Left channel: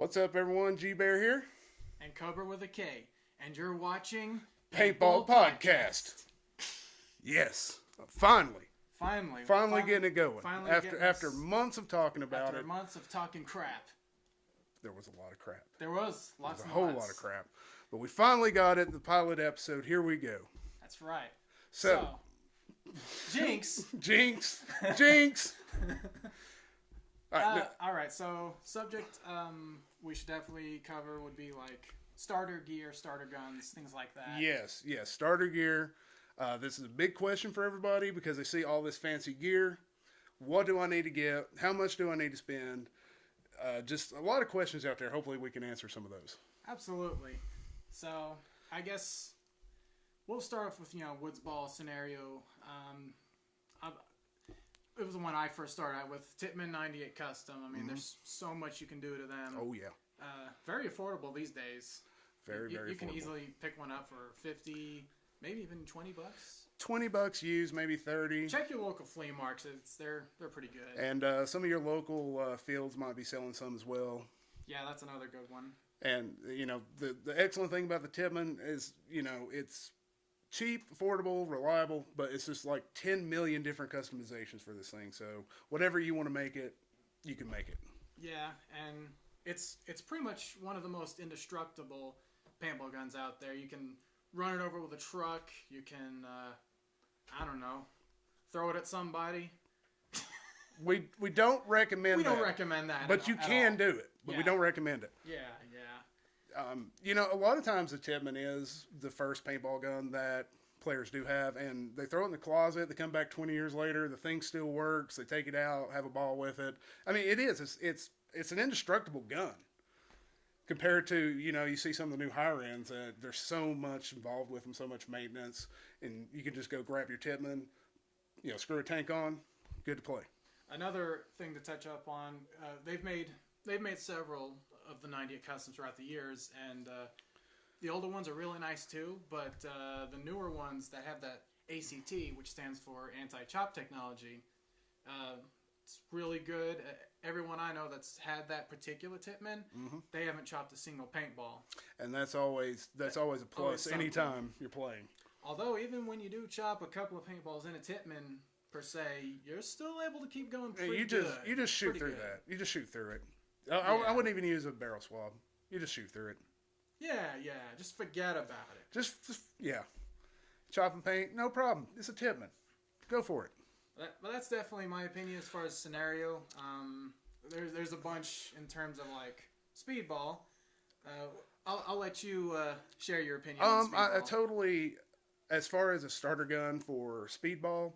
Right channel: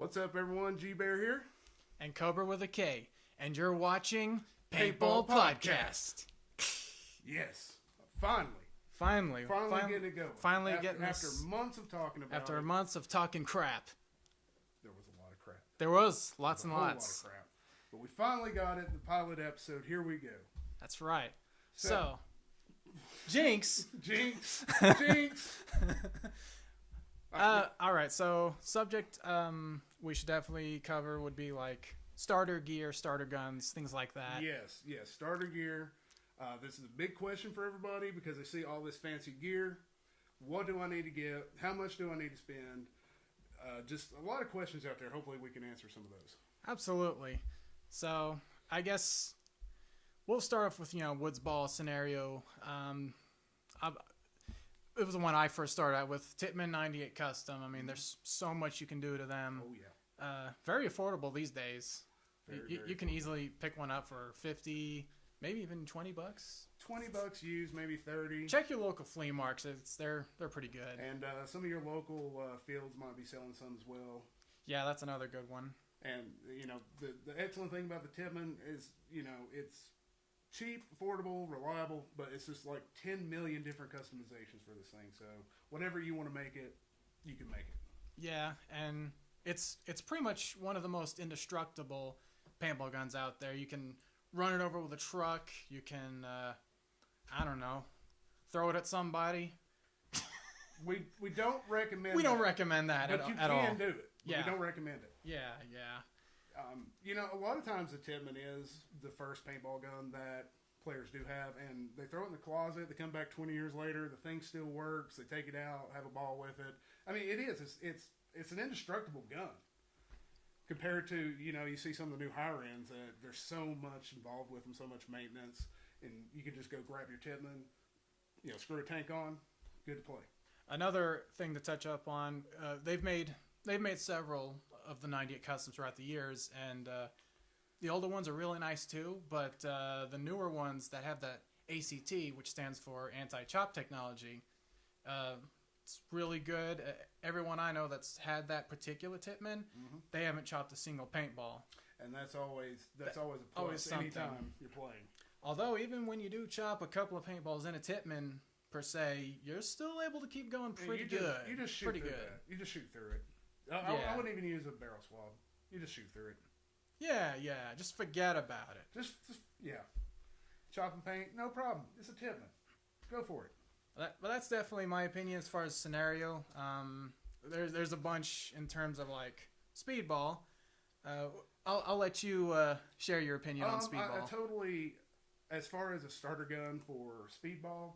What's up, everyone? G-Bear here. And Cobra with a K. And you're watching Paintball Podcast. Yes. Finally getting it going. After months of talking about it. After months of talking crap. There was a lot of crap. There was lots and lots. A whole lot of crap. But we finally got it, the pilot episode. Here we go. That's right. So Jinx. Jinx. All right, so subject we should definitely cover would be like starter gear, starter guns, things like that. Yes, starter gear. This is a big question for everybody because they see all this fancy gear. What do I need to get? How much do I need to spend? Just a lot of questions out there. Hopefully we can answer some of those. Absolutely. So I guess we'll start off with, Woods Ball scenario. It was the one I first started out with, Tippmann 98 Custom. I mean, there's so much you can do to them. Oh, yeah. Very affordable these days. Very you can easily pick one up for 50, maybe even $20. $20 used, maybe 30. Check your local flea markets. They're pretty good. And some of your local fields might be selling some as well. Yeah, that's another good one. And, the excellent thing about the Tippmann is, it's cheap, affordable, reliable, but it's just like 10 million different customizations for this thing. So whatever you want to make it, you can make it. Yeah, and it's pretty much one of the most indestructible paintball guns out there. You can run it over with a truck. You can, throw it at somebody. We don't recommend We don't recommend that, but you can do it. But we don't recommend it. Yeah. A lot of times the Tippmann is the first paintball gun that players do have, and they throw it in the closet. They come back 20 years later, the thing still works. They take it out, have a ball with it. I mean, it is. It's an indestructible gun compared to you see some of the new higher ends. There's so much involved with them, so much maintenance, and you can just go grab your Tippmann, screw a tank on, good to play. Another thing to touch up on, they've made several of the 98 Customs throughout the years, and the older ones are really nice too, but the newer ones that have that ACT, which stands for anti-chop technology, it's really good. Everyone I know that's had that particular Tippmann, they haven't chopped a single paintball. And that's always a plus anytime you're playing. Although even when you do chop a couple of paintballs in a Tippmann, per se, you're still able to keep going pretty good. You just shoot through that. You just shoot through it. I wouldn't even use a barrel swab. You just shoot through it. Yeah. Just forget about it. Just chop and paint, no problem. It's a Tippmann. Go for it. But that's definitely my opinion as far as scenario. There's a bunch in terms of like speedball. I'll let you share your opinion on speedball. I totally, as far as a starter gun for speedball,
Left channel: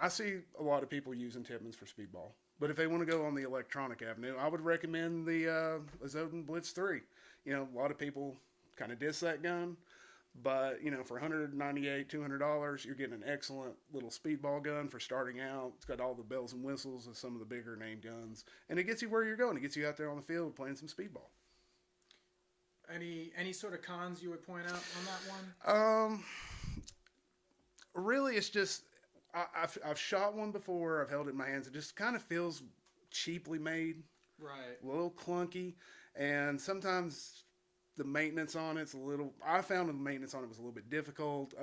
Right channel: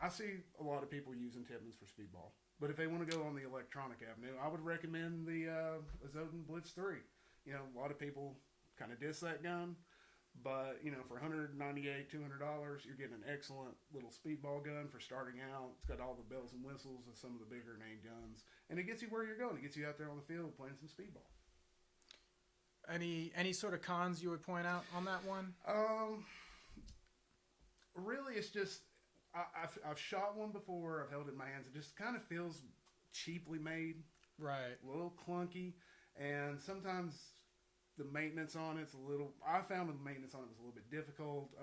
I see a lot of people using Tippmanns for speedball. But if they want to go on the electronic avenue, I would recommend the Azotin Blitz 3. A lot of people kind of diss that gun. But, for $198, $200, you're getting an excellent little speedball gun for starting out. It's got all the bells and whistles of some of the bigger name guns. And it gets you where you're going. It gets you out there on the field playing some speedball. Any sort of cons you would point out on that one? Really, it's just I've shot one before. I've held it in my hands. It just kind of feels cheaply made, right? A little clunky, and sometimes the maintenance on it's a little. I found the maintenance on it was a little bit difficult.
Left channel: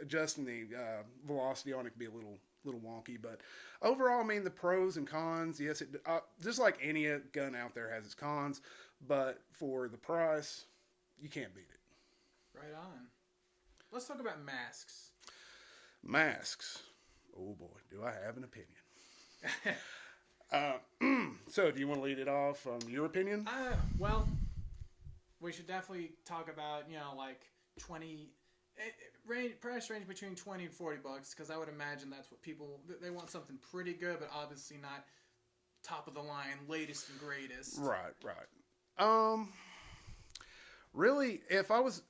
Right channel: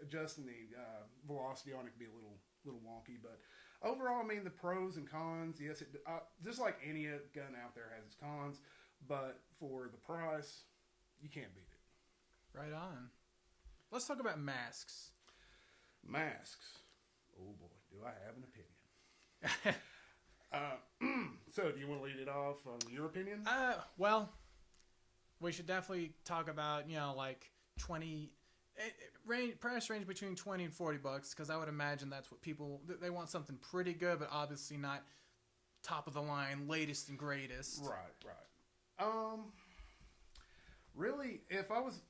Adjusting the velocity on it could be a little wonky, but overall, I mean, the pros and cons. Yes, it just like any gun out there has its cons, but for the price, you can't beat it. Right on. Let's talk about masks. Masks. Oh boy, do I have an opinion. So do you want to lead it off on your opinion? Well, we should definitely talk about, like 20, price range between 20 and $40, because I would imagine that's what people, they want something pretty good, but obviously not top of the line, latest and greatest. Right. Really, if I was,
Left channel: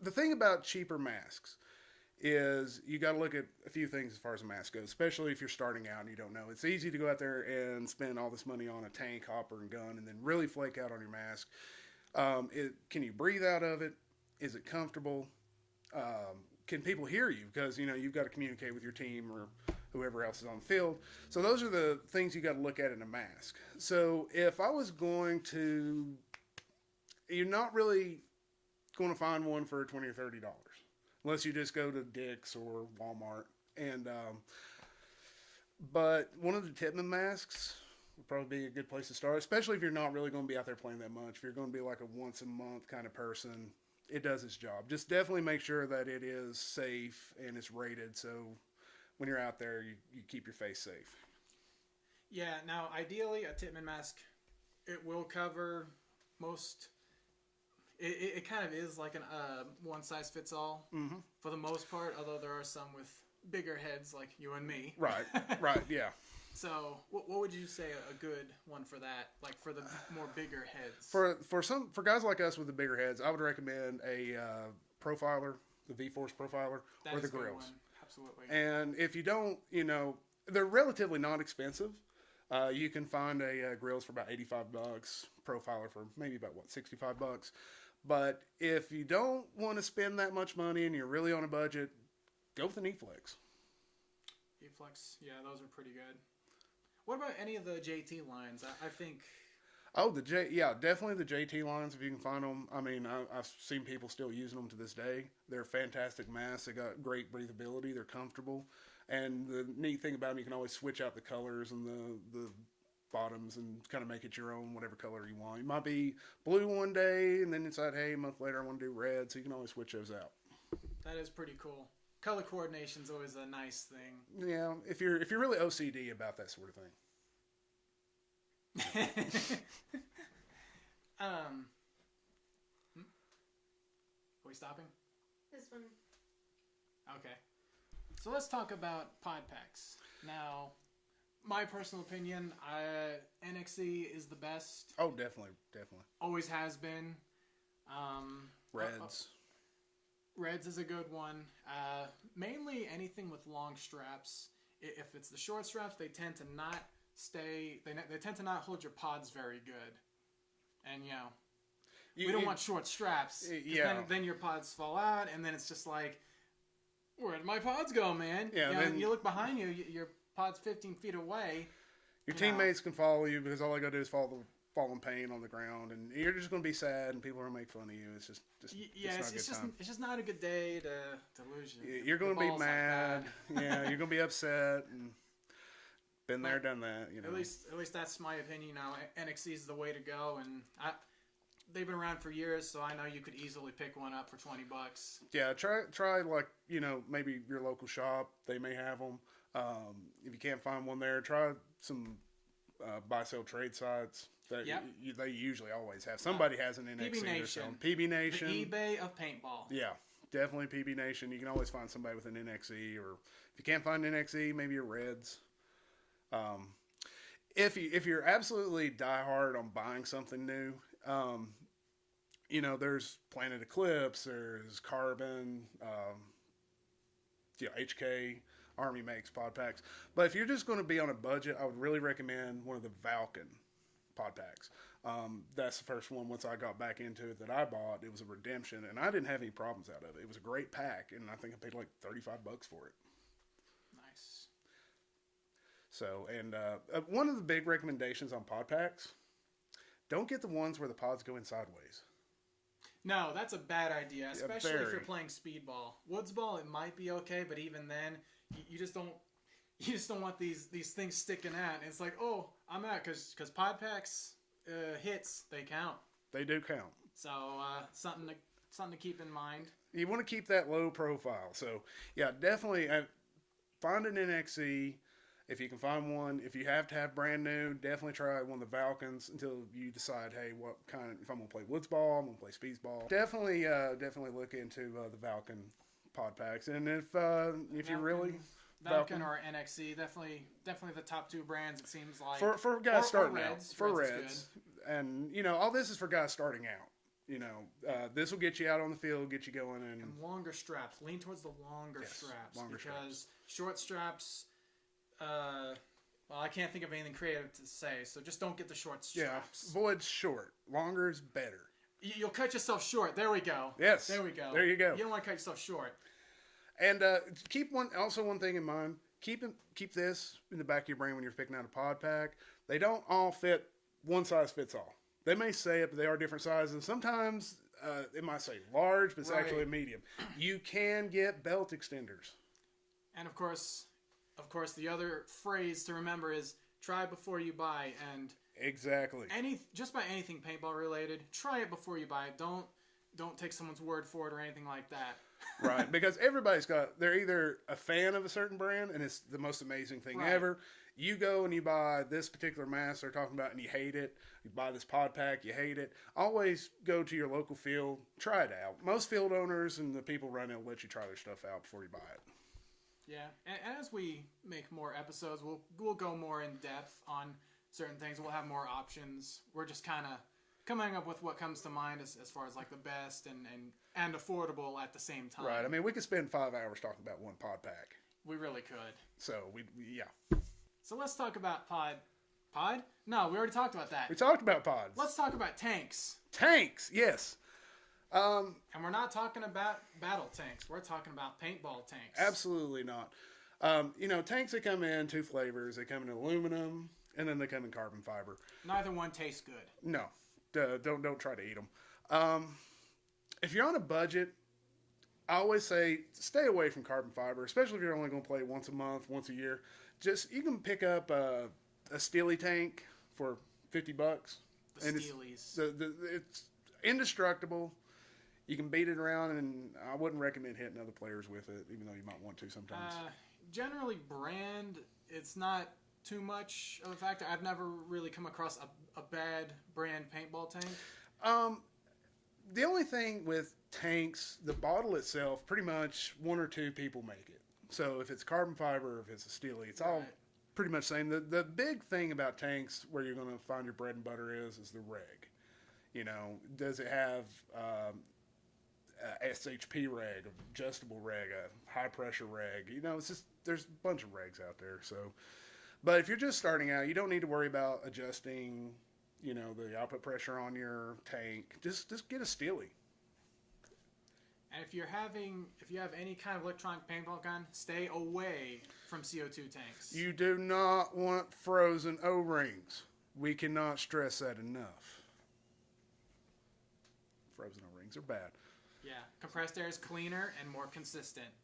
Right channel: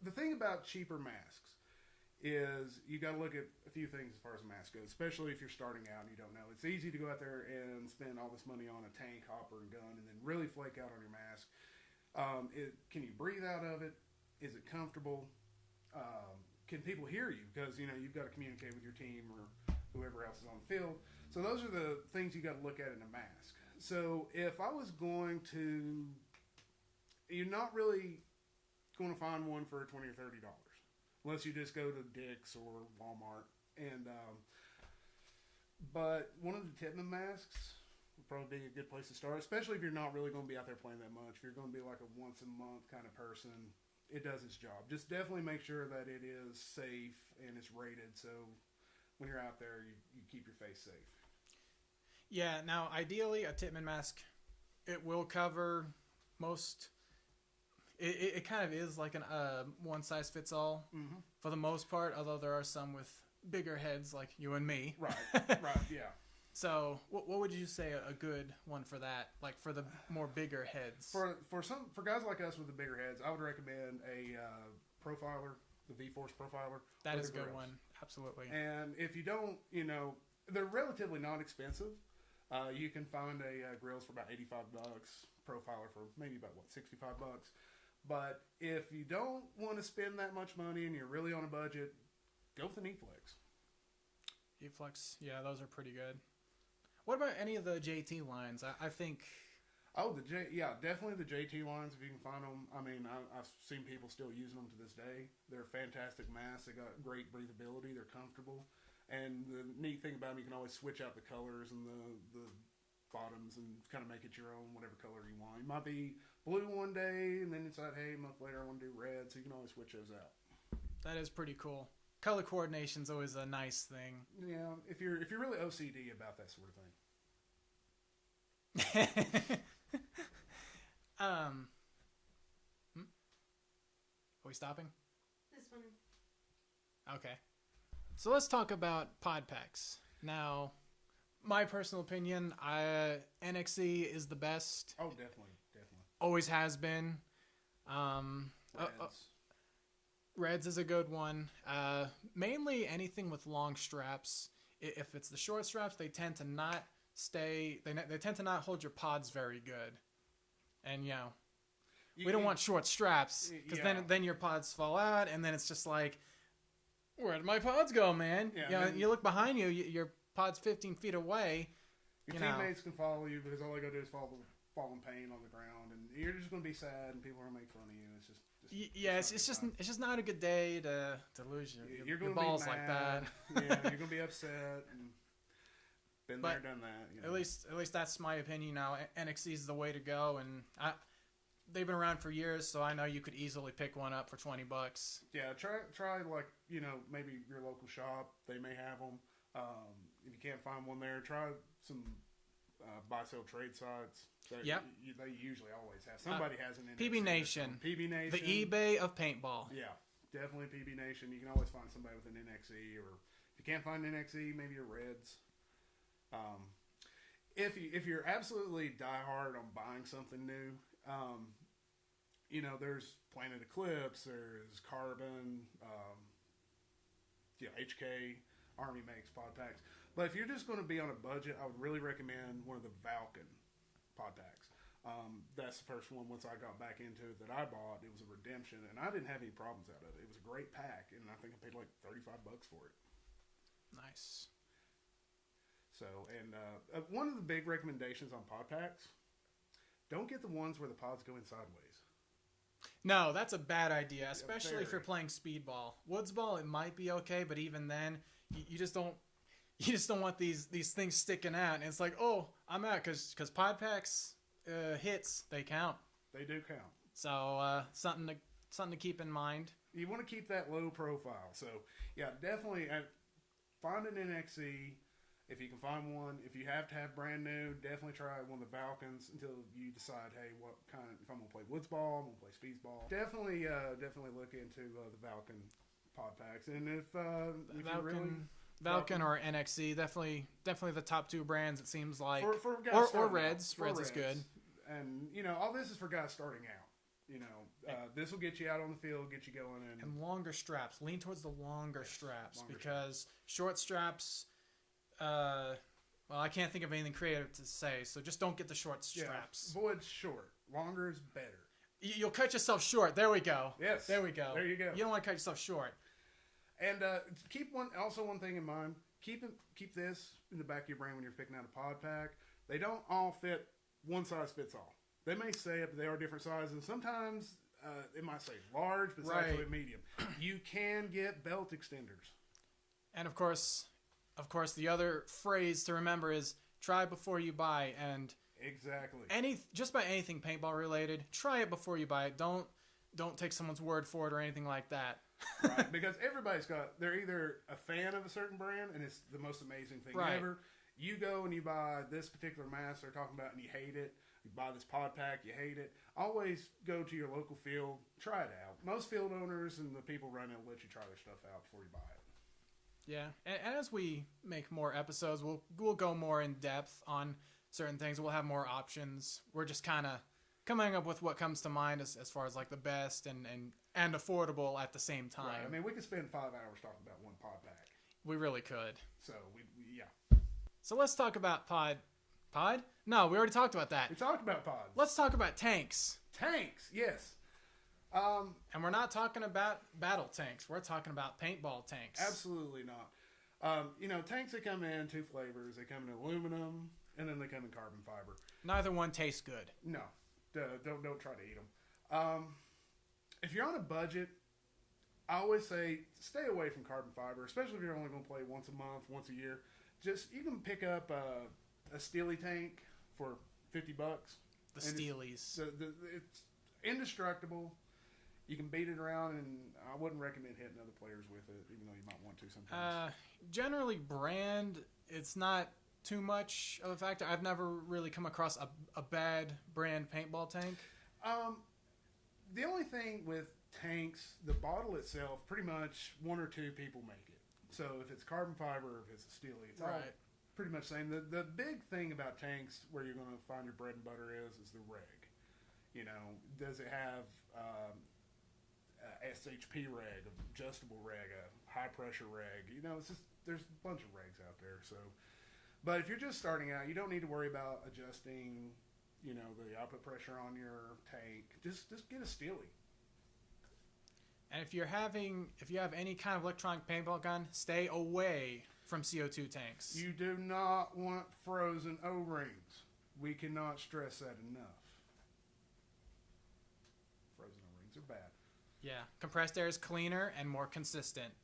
the thing about cheaper masks is you got to look at a few things as far as a mask goes, especially if you're starting out and you don't know. It's easy to go out there and spend all this money on a tank, hopper, and gun and then really flake out on your mask. Can you breathe out of it? Is it comfortable? Can people hear you? Because, you've got to communicate with your team or whoever else is on the field. So those are the things you got to look at in a mask. So if I was going to, you're not really going to find one for $20 or $30 unless you just go to Dick's or Walmart. And but one of the Titman masks would probably be a good place to start, especially if you're not really going to be out there playing that much. If you're going to be like a once a month kind of person, it does its job. Just definitely make sure that it is safe and it's rated, so when you're out there, you keep your face safe. Yeah, now ideally a Titman mask, it will cover most. It kind of is like an one size fits all for the most part, although there are some with bigger heads like you and me. Right, yeah. So, what would you say a good one for that? Like for the more bigger heads? For guys like us with the bigger heads, I would recommend a profiler, the V-Force profiler, that or is the a good grills. one. Absolutely. And if you don't, they're relatively not expensive. You can find a grills for about $85, profiler for maybe about $65. But if you don't want to spend that much money and you're really on a budget, go with an E-Flex. E-Flex, yeah, those are pretty good. What about any of the JT lines? I think. Oh, definitely the JT lines if you can find them. I mean, I've seen people still using them to this day. They're fantastic masks. They got great breathability. They're comfortable, and the neat thing about them, you can always switch out the colors and the bottoms and kind of make it your own, whatever color you want. You might be blue one day, and then decide, hey, a month later I want to do red, so you can always switch those out. That is pretty cool. Color coordination's always a nice thing. Yeah, if you're really OCD about that sort of thing. Are we stopping? This one. Okay. So let's talk about pod packs. Now, my personal opinion, NXE is the best. Oh, definitely. Always has been. Reds. Reds is a good one. Mainly anything with long straps. If it's the short straps, they tend to not stay. They tend to not hold your pods very good. And we don't want short straps. Yeah. Then your pods fall out, and then it's just like, where'd my pods go, man? Yeah. You look behind you, your pod's 15 feet away. Your teammates can follow you because all they gotta do is fall in pain on the ground, and you're just gonna be sad, and people are gonna make fun of you. It's just it's just not a good day to lose you're gonna be balls mad. Like Yeah, you're gonna be upset. And been there, done that. At least that's my opinion. Now NXE is the way to go, and they've been around for years, so I know you could easily pick one up for $20. Yeah, try like maybe your local shop. They may have them. If you can't find one there, try some buy sell trade sites. They usually always have. Somebody has an NXE. PB Nation. PB Nation. The eBay of paintball. Yeah, definitely PB Nation. You can always find somebody with an NXE, or if you can't find an NXE, maybe your Reds. If you're absolutely diehard on buying something new, there's Planet Eclipse, there's Carbon, HK, Army makes pod packs. But if you're just going to be on a budget, I would really recommend one of the Valken pod packs. That's the first one once I got back into it that I bought. It was a redemption, and I didn't have any problems out of it. It was a great pack, and I think I paid like $35 for it. Nice. So, and one of the big recommendations on pod packs, don't get the ones where the pods go in sideways. No, that's a bad idea, especially if very. you're playing speedball. Woodsball, it might be okay, but even then, you just don't want these things sticking out. And it's like, oh, I'm out because pod packs hits, they count. They do count. So something to keep in mind. You want to keep that low profile. So yeah, definitely find an NXE. If you can find one, if you have to have brand new, definitely try one of the Valkens until you decide, hey, what kind of, if I'm going to play Woodsball, I'm going to play Speedsball. Definitely look into the Valken pod packs. And if you really... Valken or NXE, definitely the top two brands, it seems like. For guys starting or Reds. out. Reds is good. And, all this is for guys starting out. This will get you out on the field, get you going. And longer straps. Lean towards the longer straps. Because short straps... well, I can't think of anything creative to say, so just don't get the short straps. Yeah, avoid short. Longer is better. You'll cut yourself short. There we go. Yes. There we go. There you go. You don't want to cut yourself short. And keep one thing in mind. keep this in the back of your brain when you're picking out a pod pack. They don't all fit one size fits all. They may say it, but they are different sizes. Sometimes it might say large, but it's actually a medium. You can get belt extenders. And of course, the other phrase to remember is try before you buy. And exactly, just by anything paintball related, try it before you buy it. Don't take someone's word for it or anything like that. Right, because they're either a fan of a certain brand and it's the most amazing thing ever. You go and you buy this particular mask they're talking about and you hate it. You buy this pod pack, you hate it. Always go to your local field, try it out. Most field owners and the people running it will let you try their stuff out before you buy it. Yeah, and as we make more episodes, we'll go more in depth on certain things. We'll have more options. We're just kind of coming up with what comes to mind as far as like the best and affordable at the same time. Right. I mean, we could spend 5 hours talking about one pod pack. We really could. So yeah. So let's talk about pod. No, we already talked about that. We talked about pods. Let's talk about tanks. Tanks, yes. And we're not talking about battle tanks. We're talking about paintball tanks. Absolutely not. Tanks that come in 2 flavors. They come in aluminum, and then they come in carbon fiber. Neither one tastes good. No. Don't try to eat them. If you're on a budget, I always say stay away from carbon fiber, especially if you're only going to play once a month, once a year. You can pick up a Steely tank for $50. The Steelies. It's indestructible. You can beat it around, and I wouldn't recommend hitting other players with it, even though you might want to sometimes. Generally, brand, it's not too much of a factor. I've never really come across a bad brand paintball tank. The only thing with tanks, the bottle itself, pretty much 1 or 2 people make it. So if it's carbon fiber or if it's a Steely, it's all pretty much the same. The big thing about tanks where you're going to find your bread and butter is the reg. Does it have a SHP reg, adjustable reg, a high pressure reg? It's just there's a bunch of regs out there. So, but if you're just starting out, you don't need to worry about adjusting, the output pressure on your tank. Just get a Steely. And if you have any kind of electronic paintball gun, stay away from CO2 tanks. You do not want frozen O-rings. We cannot stress that enough. Frozen O-rings are bad. Yeah, compressed air is cleaner and more consistent.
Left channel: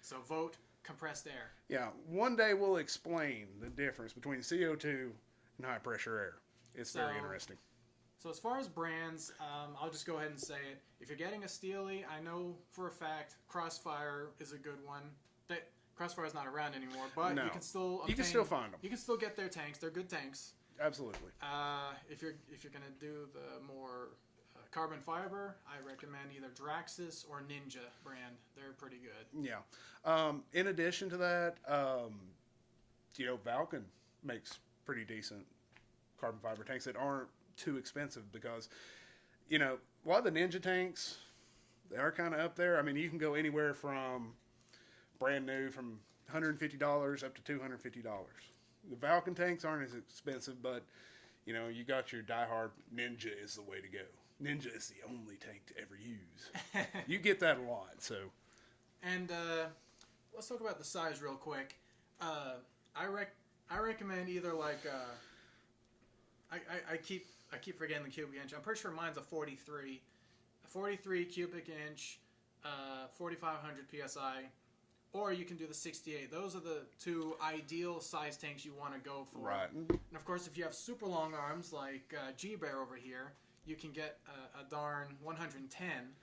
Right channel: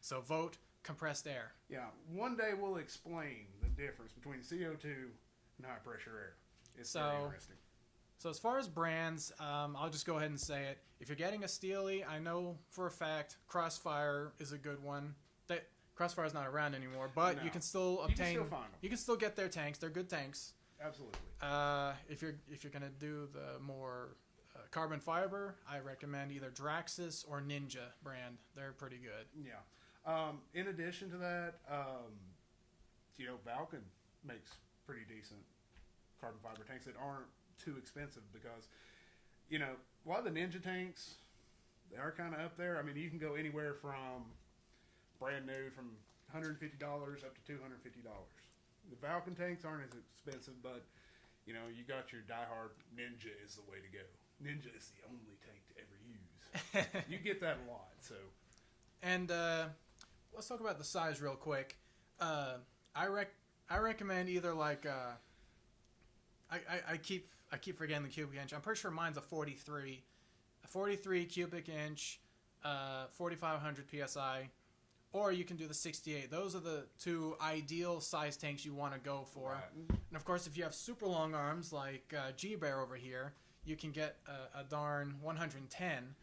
So vote compressed air. Yeah, one day we'll explain the difference between CO2 and high pressure air. It's very interesting. So as far as brands, I'll just go ahead and say it. If you're getting a Steely, I know for a fact Crossfire is a good one. Crossfire is not around anymore, but you can still obtain. You can still find them. You can still get their tanks. They're good tanks. Absolutely. If you're gonna do the more carbon fiber, I recommend either Draxis or Ninja brand. They're pretty good. Yeah. In addition to that, Valken makes pretty decent carbon fiber tanks that aren't too expensive because, a lot of the Ninja tanks, they are kind of up there. I mean, you can go anywhere from brand new from $150 up to $250. The Valken tanks aren't as expensive, but, you got your diehard Ninja is the way to go. Ninja is the only tank to ever use. You get that a lot, so. And let's talk about the size real quick. I recommend either like I keep forgetting the cubic inch. I'm pretty sure mine's a 43 cubic inch, 4,500 psi, or you can do the 68. Those are the 2 ideal size tanks you want to go for. Right. And of course, if you have super long arms like G-Bear over here, you can get a darn 110.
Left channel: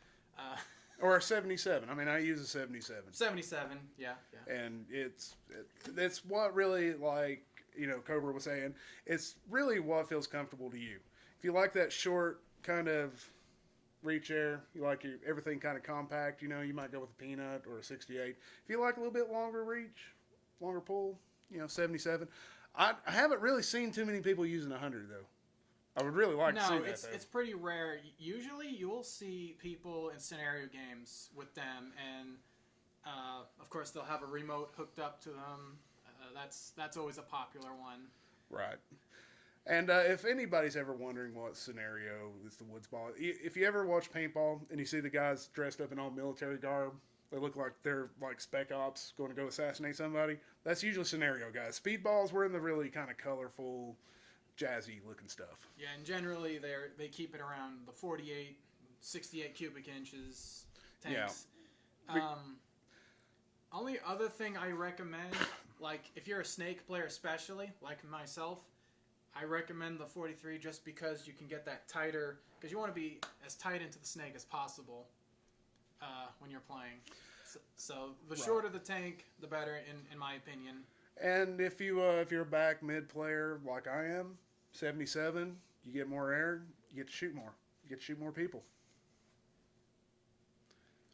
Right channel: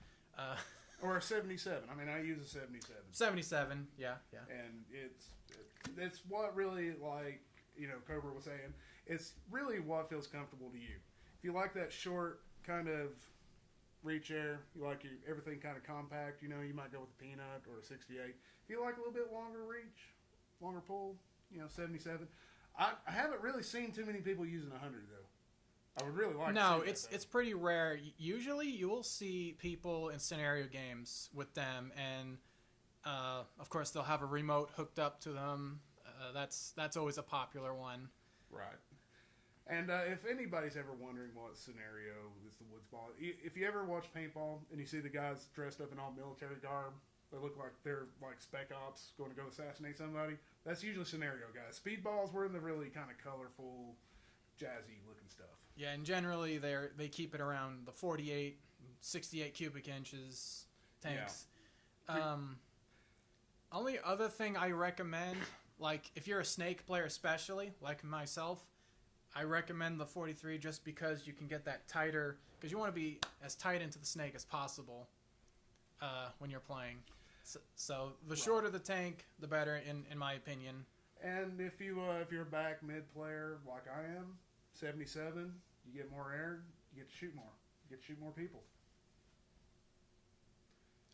Or a 77. I mean, I use a 77. 77, yeah. And it's what really, like, Cobra was saying, it's really what feels comfortable to you. If you like that short kind of reach air, you like everything kind of compact, you might go with a Peanut or a 68. If you like a little bit longer reach, longer pull, 77. I haven't really seen too many people using 100, though. I would really like to see that. It's pretty rare. Usually you'll see people in scenario games with them, and of course they'll have a remote hooked up to them. That's always a popular one. Right. And if anybody's ever wondering what scenario is the Woods Ball, if you ever watch Paintball and you see the guys dressed up in all military garb, They look like they're like spec ops going to go assassinate somebody. That's usually scenario guys. Speedballs were in the really kind of colorful, jazzy looking stuff. Yeah, and generally they keep it around the 48, 68 cubic inches tanks. Yeah. Only other thing I recommend, like if you're a snake player especially, like myself, I recommend the 43 just because you can get that tighter, because you want to be as tight into the snake as possible when you're playing. So the shorter the tank, the better, in my opinion. And if you're a back mid player like I am, 77, you get more air, you get to shoot more. You get to shoot more people.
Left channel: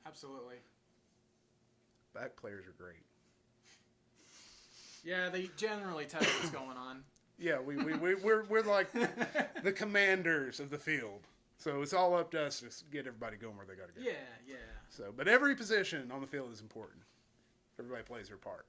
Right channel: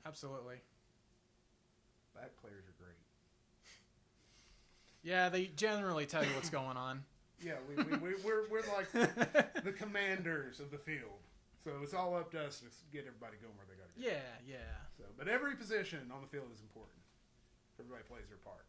Absolutely. Back players are great. Yeah, they generally tell you what's going on. Yeah, we're like the commanders of the field. So it's all up to us to get everybody going where they got to go. Yeah. So, but every position on the field is important. Everybody plays their part.